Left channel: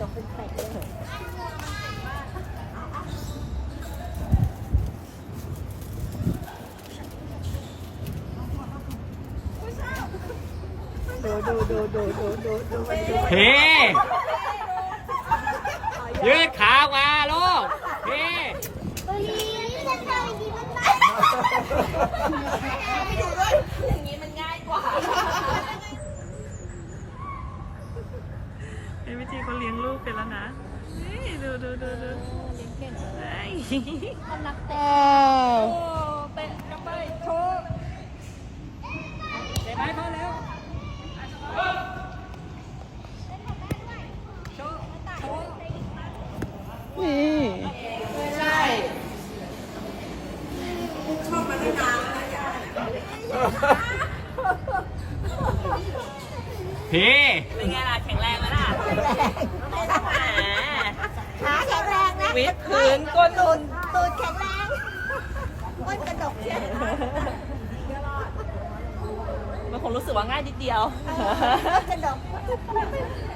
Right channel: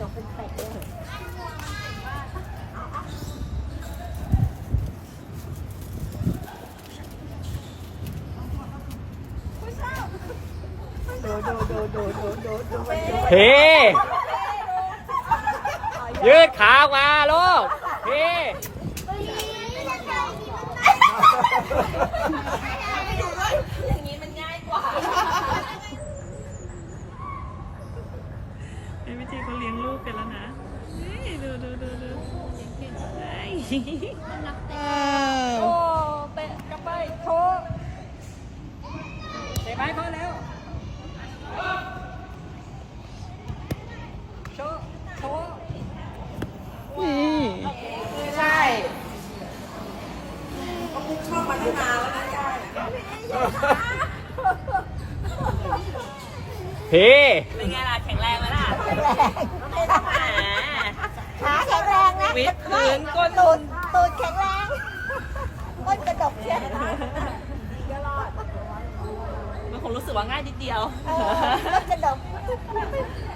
ดกเป็นเป็ดเลยดูดูดูดูดูดูดูมันดูพียืดขาออกมาลูกพีอย่างนี้มันง่ายกว่า จีเขาเลี้ยงลูกไปแล้วนะนี่ดูดูดูดูเก่งยมันรักเต้โอ้เป็นกระเบยโชว์เตะไปเขาเร็วโชว์โชว์ใช่ชอบมาตั้งนานแล้วนะยาย พีเป็นไงล่ะแข็งแรงไหมล่ะแหมขาแข็งแรงนะวิดพื้นก้นตูดตูดแข็งแรงก้นกระดกเชียวมันคงรู้สึกว่าง่ายนิดเดียวเออก้นกระดก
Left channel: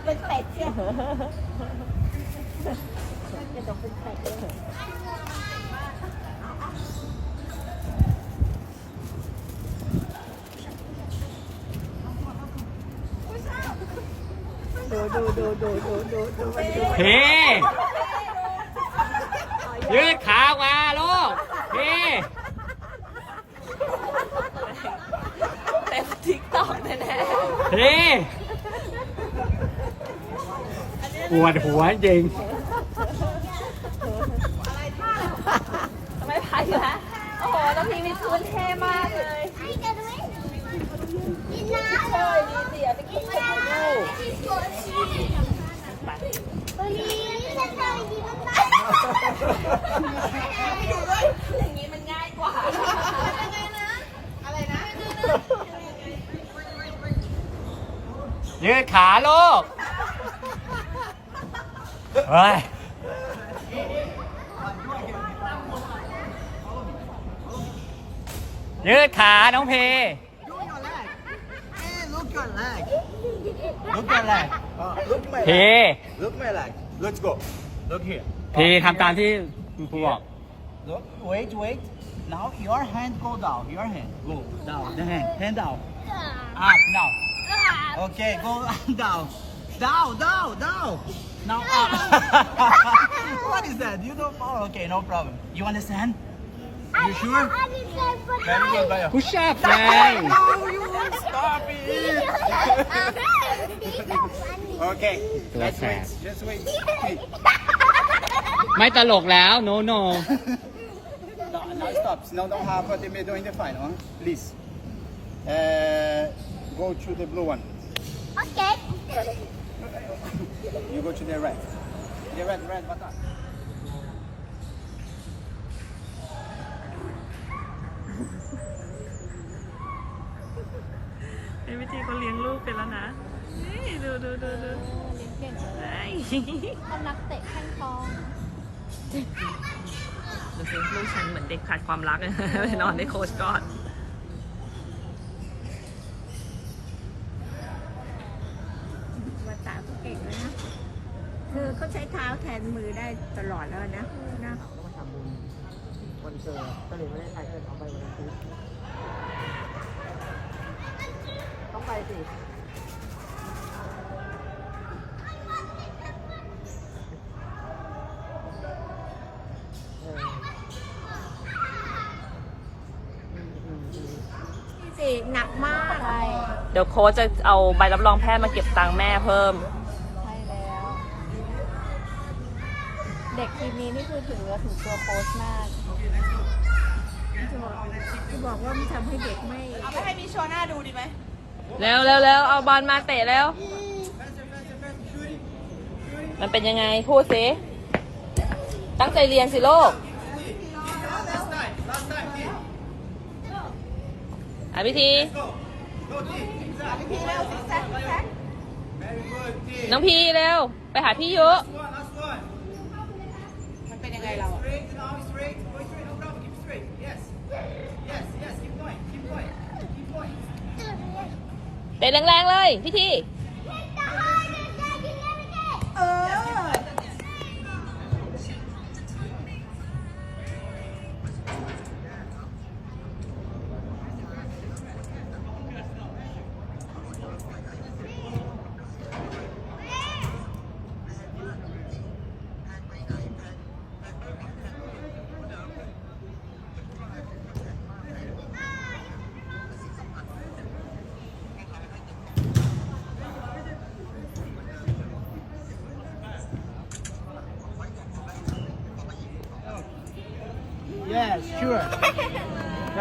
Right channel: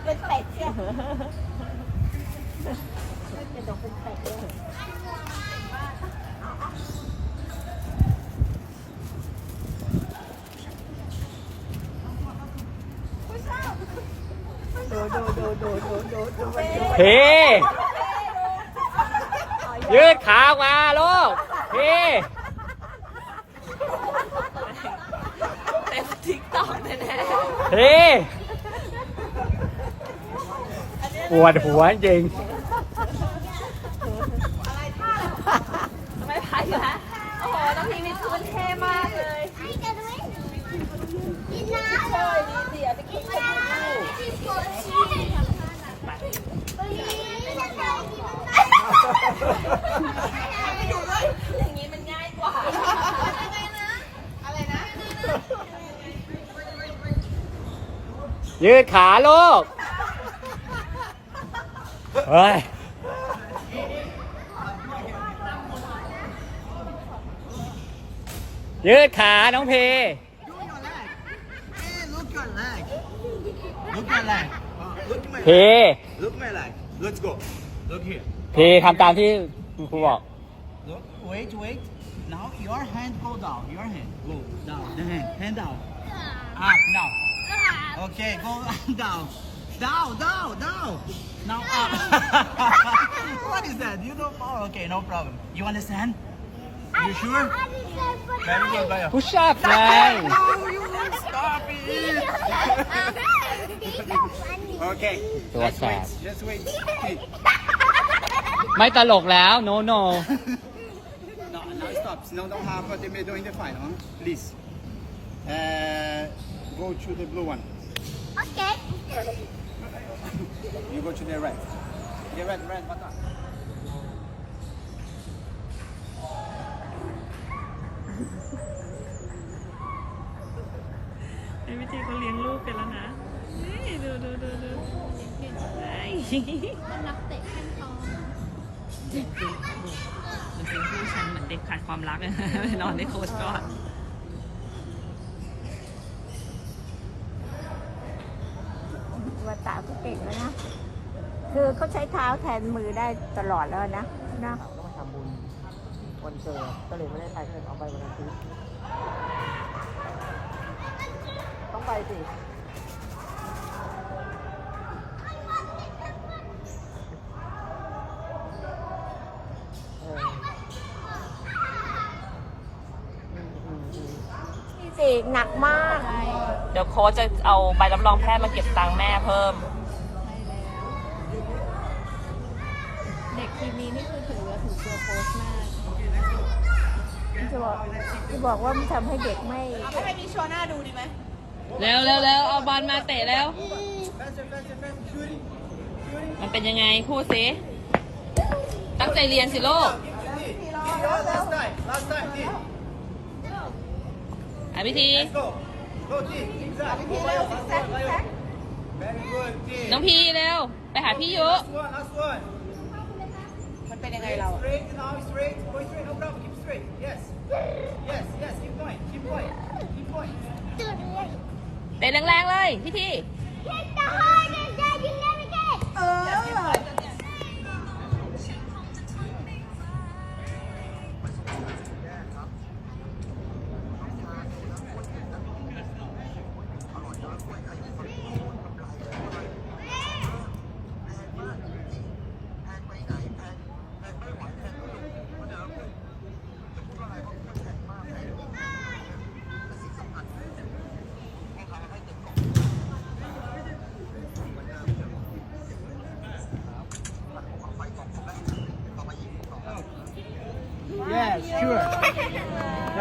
เป็นเป็ดเชียวก้นกระดกเป็นเป็ดเลย ดูดูดูดูดูดูดูมันดู พียืดขาออกมาลูกพีเต็มทิกตอกแน่พีปวดหัวจริง ๆทำไมพายอยู่ฮะโอ้โหต้องพีวิดพื้นเท่มากเลย ไอ้กระดุยกินน้ เฮ้ยนี่เสียไปกินไปดูำตัวนี้ฉันเคยกินมันได้ อย่างนี้มันง่ายกว่ายืดขาลูกเฮ้ยยืดขาน้องพี Hey, look your leg. Look your leg. Uh, look my พี leg. Look my leg. Let's go. Look here. พีทำตามที่ Yeah. Look, wait, wait. Now your hand go down. Your hand go down. The hand, hand down. Up now. Okay, go down. Down, down, down. Now up. what is that? You don't follow. Okay, no problem. You understand? You sure? Very good, Baya. Push up, man. No, you won't stop it. okay, let's wait. Just wait. Okay. ไม่ตลกแล้ว no no No, now stop. Now don't have the middle in the final, huh? please. Uh, go to the blue one. โอเค You go to the red. The red, red button. ไอ้วิธีเขาเลี้ยงลูกเป็นแล้วนะ นี่ดูดูดูดูเฮ้ยนักเตะแข้งทอง ดูสิลูกฉันเหมือนเด็กขาดความรักไปนอนในโค้ชก่อนว่าตาเขาเก่งแล้วนะ คือเขาใช้เท้าแทนมือได้ตลอดแล้วนะนะก็มาทำบุญวันเกิดก็เลยไม่ได้ไปก็เลยเอาไปวันอาทิตย์ต้องไปสิ เอออืมอืมอืม นี่สิหนักมาก เดี๋ยวโค้ชจะเอาใบรับรองแพทย์มาเก็บตังค์แม่เพิ่ม เด็กทีมนี้นี่คือถือว่าถือตัวโค้ชมากจะบอกจะบอกว่ามันทำให้เด็กไม่เอาไปให้มีโชว์หน้าดูดีไหมเร็วเร็วเร็วเอาบอลมาเตะแล้ว มันเป็นยังไงคู่สิตั้งใจเรียนสิลูก Last time, last time. Team. อะพิธี Let's go. Go team. Zigzag. Go, Bayo. Last one, Bayo. Very good team. น้องพีเร็ว ไปหาพี่เยอะ Last one, last one. มันเป็นยังไงเรา Straight now, straight. Go straight, no problem. Keep straight. Yes. Yes, yes. Keep going. Keep going. Keep going. เป็นแรงๆเลยพิธีเออ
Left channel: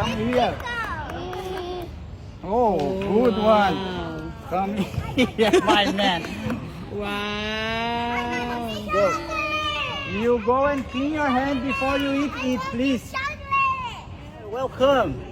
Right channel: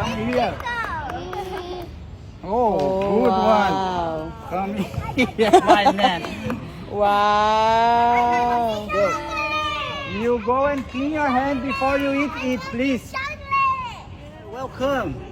Come here. Oh, good one. Come here, my man. Wow. You go and clean your hand before you eat it, please. Welcome.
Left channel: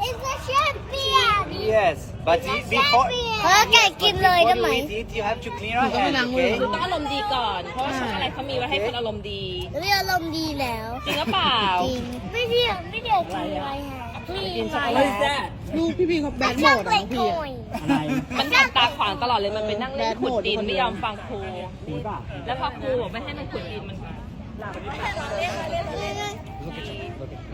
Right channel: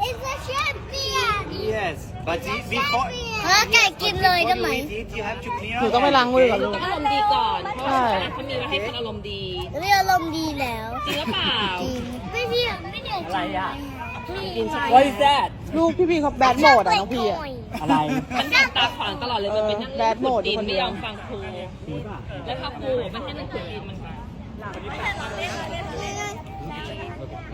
It's a champion. Yes. But i- before เออไก่กินเลยได้ไหม before you eat it, you have to clean หนู your ต้องไป hand. ล้างมือ okay? ต้องอารมณ์ดีก่อน เพราะว่าช็อกโกแลตเขามีไว้ให้คนอารมณ์ดีไม่อารมณ์ดีแล้วจริงหรือเปล่า จริงไม่เดียวไม่เดียวกินอะไรฮะไม่กินอะไร What is that ลูกพี่พี่เขาแบดโหมดอะน้องพี่อะ อะไร มันทำตาขวางตลอดเลยมันไปนั่งแบดโหมดอยู่คนเดียว ไม่ยอมฟังครูแล้วพอครูไม่ให้มันคุยมัน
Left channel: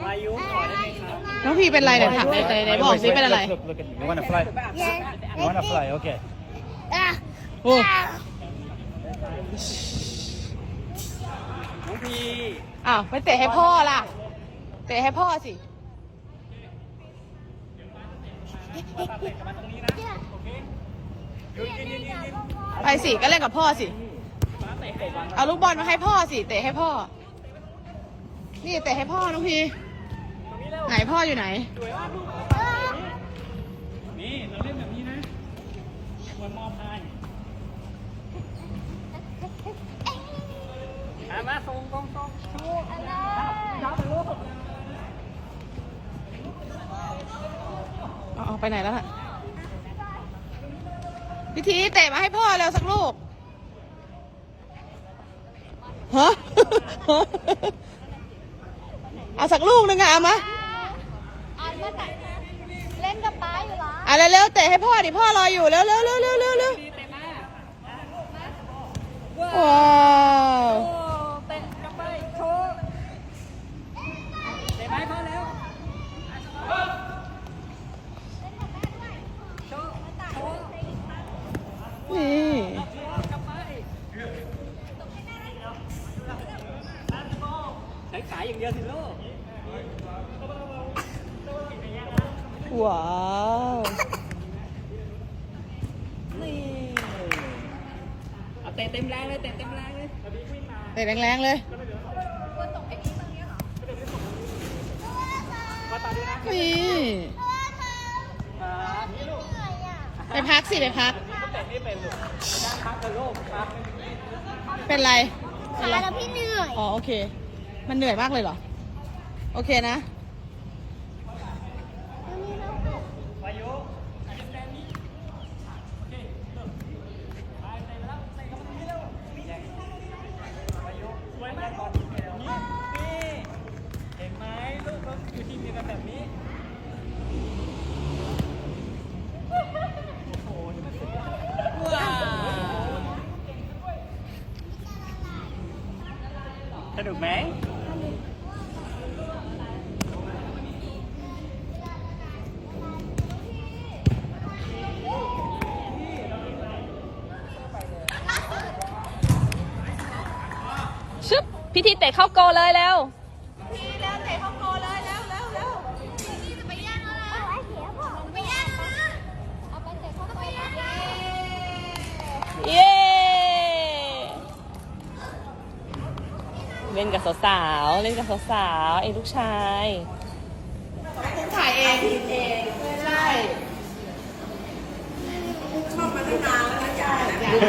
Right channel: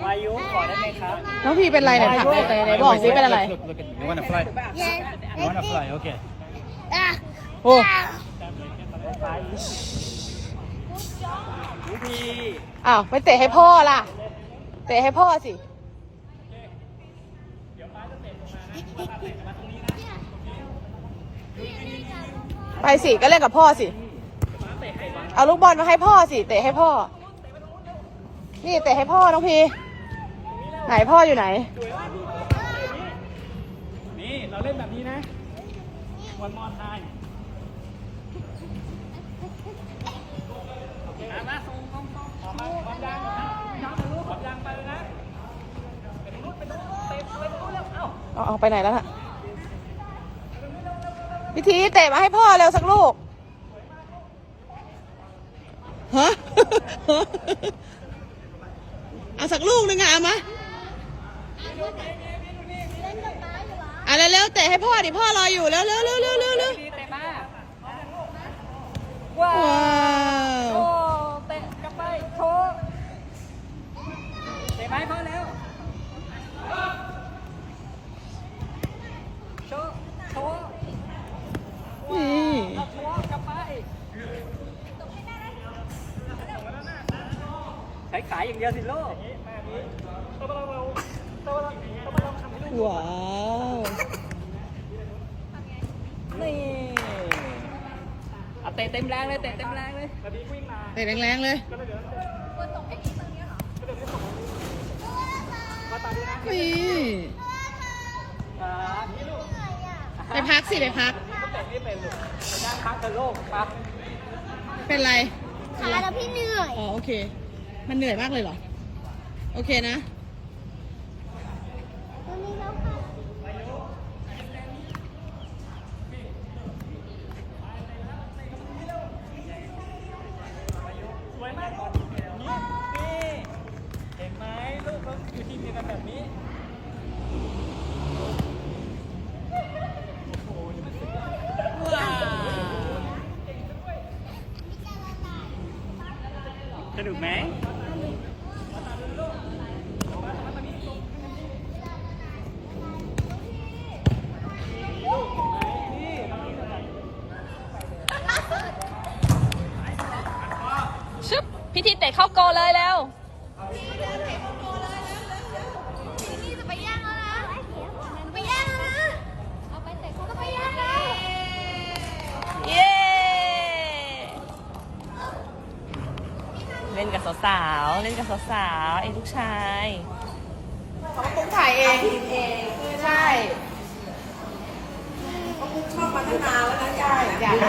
วายุขอได้ไหมครับ น้องพี่เป็นไรเนี่ยถามในในบอกสิเป็นอะไร Look, look at me. You wanna fly? Yes. You wanna fly? Okay. อะโอ้ อ้าวไม่เตะให้พ่อล่ะ เตะให้พ่อสิ ไปสิก็เล่นกับพ่อสิ เอาลูกบอลมาให้พ่อสิ เตะให้พ่อ นี่เตะให้พ่อน้องพีไหนพ่ออยู่ไหน นี่เราเล่นแบบนี้นะ one more time มาส่งส่งส่งย้ำไปลูกผมยังไปเลยนะเอาไปไหนแล้วน่ะพิธีเตะมาให้พ่อเร็วสักลูกฮะ เอาสักลูกหนึ่งอะเอามาเล่นกับป้าอยู่เหรออะเร็วๆเตะให้พ่อดิพ่อรออยู่เร็วๆเร็วๆเร็วๆเร็วๆเร็วว้าๆว้าว โอ้เตะกลับไปโชว์เตะไปพอแล้วโชว์โชว์ นี่ โชว์กลับไปใช้ขา อย่างเดียวสิลูกว้าวนี่เอาเตะเต็มแรงเลยเตะเต็มแรงเลยเตะแรงๆเลยนี่ครับไปพักสิไปพักนั่งพักกับโลกครับเป็นไร ขาแล้วพี่เหนื่อย อ๋อ โอเค มันเหนื่อยมากเลยเหรอ โอเคนะตัวนี้แล้วค่ะสวยมากนี่นี่เห็นไหมลูกเขาอยู่ทีมเดียวกันแบบนี้ว้าวสนุกไหม ชึบพิธีเตะเข้าโกลเลยเร็ว จะไปแย่งแล้วนะจะไปแย่งแล้วนะจะไปแย่งแล้ว เย้ เล่นกับสาวๆ เล่นกับ สาวๆไอ้ลูกชายผมถ่ายเองเองใช่ชอบมาตั้งนานแล้วนะยาย